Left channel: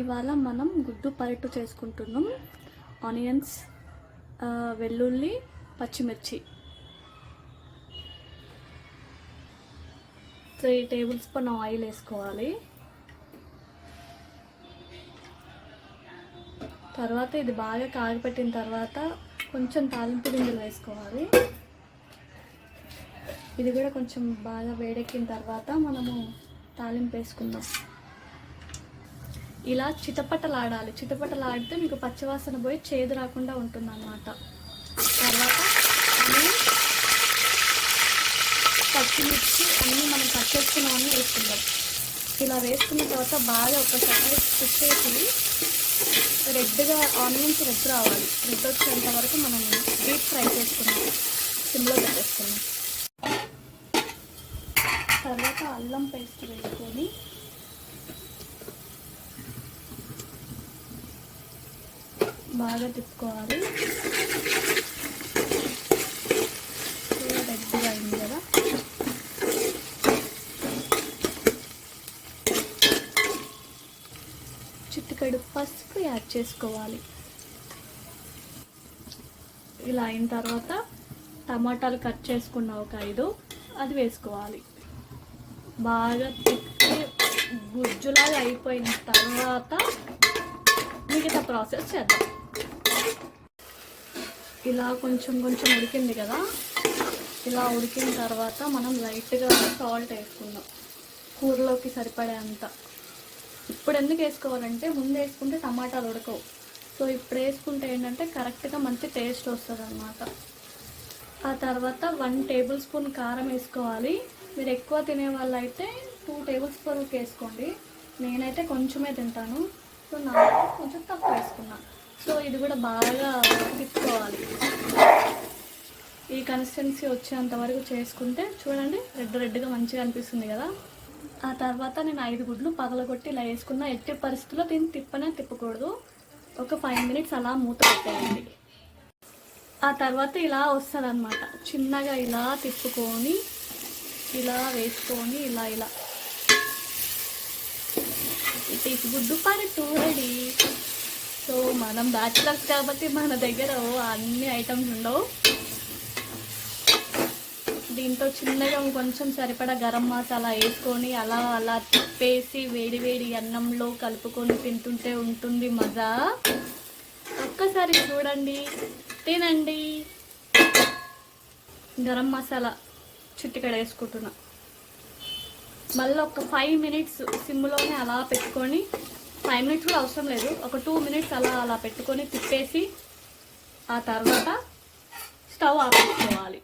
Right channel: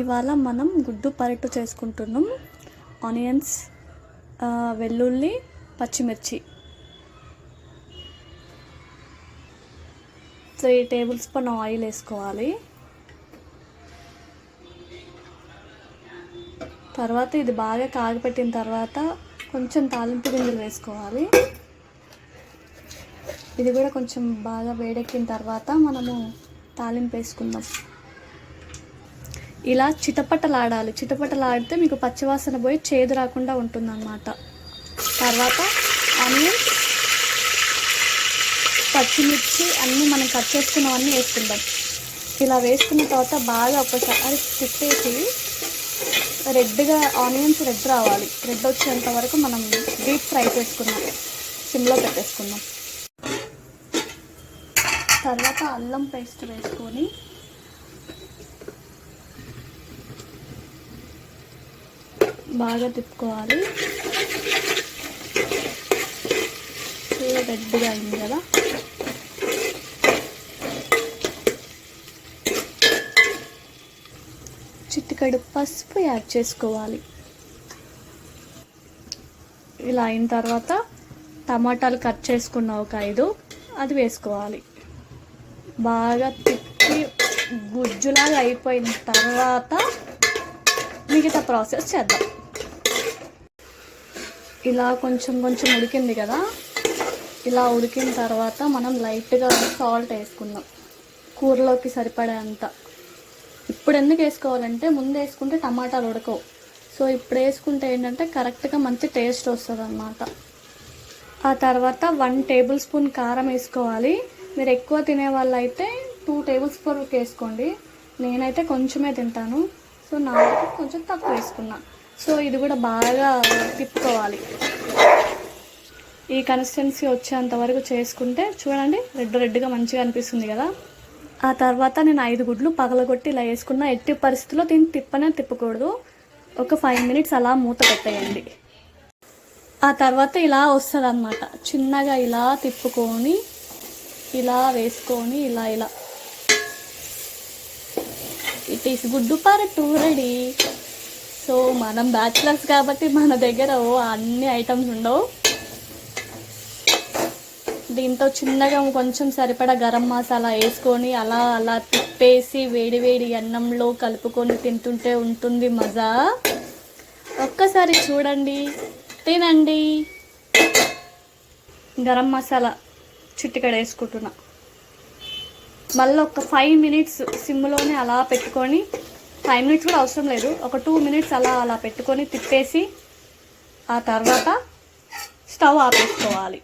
ఇవాళ మనం గుడ్డు పరోటా చేసుకుంటున్నాం. ఆనియన్స్, వెల్లుల్లి, పచ్చిమిర్చి, 3 టేబుల్ స్పూన్ ఆయిల్ వేసుకోవాలి. తర్వాత ఇది బాగా కాగపెట్టిన తర్వాత కొంచెం తాలింపు గింజలు వేసుకోవాలి. ఇది కూడా కొంచెం బాగా వేడెక్కిన తర్వాత మనము తాలింపు వేసుకుందాం. ఇలా చిటపటలాడాలి. చిటపటలాడితే మీకు పచ్చివాసన పోయి చేదు రాకుండా ఉంటుందన్నమాట. తర్వాత ఆనియన్స్, పచ్చిమిర్చి అన్నీ మనం కట్ చేసుకున్నవన్నీ వేసుకుందాం. ఇలా వేసుకున్న తర్వాత బాగా ఒకసారి తిప్పేసి రెడ్గా ఆనియన్స్ రెడ్ రావాలి. రెడ్ వచ్చేంత వరకు మనం డీప్ ఫ్రై చేసుకుందాం. సిమ్లో పెట్టేసుకుందాం. తర్వాత అల్లం పేస్ట్ వేసుకొని బాగా తిప్పుకోవాలి. రెడ్గా అయింది కదా. చిటికెడు పసుపు యాడ్ చేసుకోవాలి. ఇలా అయిన తర్వాత టమాటాలు కట్ చేసుకున్న ఒక 5 అది వేసుకోవాలి. బాగా తిప్పి గుజ్జులాగా అయిపోయిన తర్వాత మిగతా ప్రాసెస్ చేద్దాం. ఇలా కొంచెం కొంచెం ఉడికింది కదా. ఇలా ఉడికిన తర్వాత మనం లైట్గా సాల్ట్ వేసుకుందాం, కూరలోకి సరిపడేంత. ఇప్పుడు ఎందుకు వేసుకోవాలంటే ముందు వేసుకుంటే టమాటాలు ఉడకవు. సో ఇప్పుడు వేసుకుంటే ఏంటంటే కరెక్ట్గా మంచి టేస్ట్ వస్తుంది అన్నమాట. ఆ తర్వాత 1 టేబుల్ స్పూన్ కారం వేసుకోవాలి. మీరు ఎక్కువ తినే వాళ్ళు అయితే 2 టేబుల్ స్పూన్ వేసుకోండి. నేనైతే కొంచెమే తింటాను, సో నాకు కొంచెం తక్కువ వేసుకున్నా. సో ఇది కూడా బాగా తిప్పుకోవాలి. ఈ కన్సిస్టెన్సీ వచ్చేంత వరకు చేసుకుంటే చూడండి రెడ్గా మంచిగా అనిపిస్తుంది కదా. ఆ తర్వాత నేను 5 గుడ్లు పగలగొట్టి ఇలా వేసుకున్న. ఎట్టి పరిస్థితుల్లో దీన్ని తిప్పకూడదు. ఒక 5 మినిట్స్ అలా మూత పెట్టేయండి. ఆ తర్వాత ఇలా వస్తుంది అన్నమాట. చిన్నగా ఇలా తిప్పుకొని ఇలా వేసుకొని ఇలా ఇట్ ఈస్ గుడ్డు పరోటా రెడీ. సో మనం బ్యాచిలర్స్ కాబట్టి మన దగ్గర అన్ని ఐటమ్స్ ఉండవు. దీంతో చిన్నగా కొంచెం సరిపడా గరం మసాలా వేసుకొని అలా తిప్పేసి వేడి అన్నంలో కలుపుకొని తింటుంటే ఉంటుంది మజా. ఒక్కసారి చూడండి, తినండి. గరం మసాలా చిటికెడు వేసుకుంటున్నా. మళ్ళీ ఒక 5 మినిట్స్ సిమ్లోనే అలా పెట్టుకొని, 5 మినిట్స్ కూడా అవసరం లేదు, ఒక 2 మినిట్స్ అలా పెట్టుకొని తిప్పేసి ఆ తర్వాత స్టవ్ ఆపేసుకోవాలి.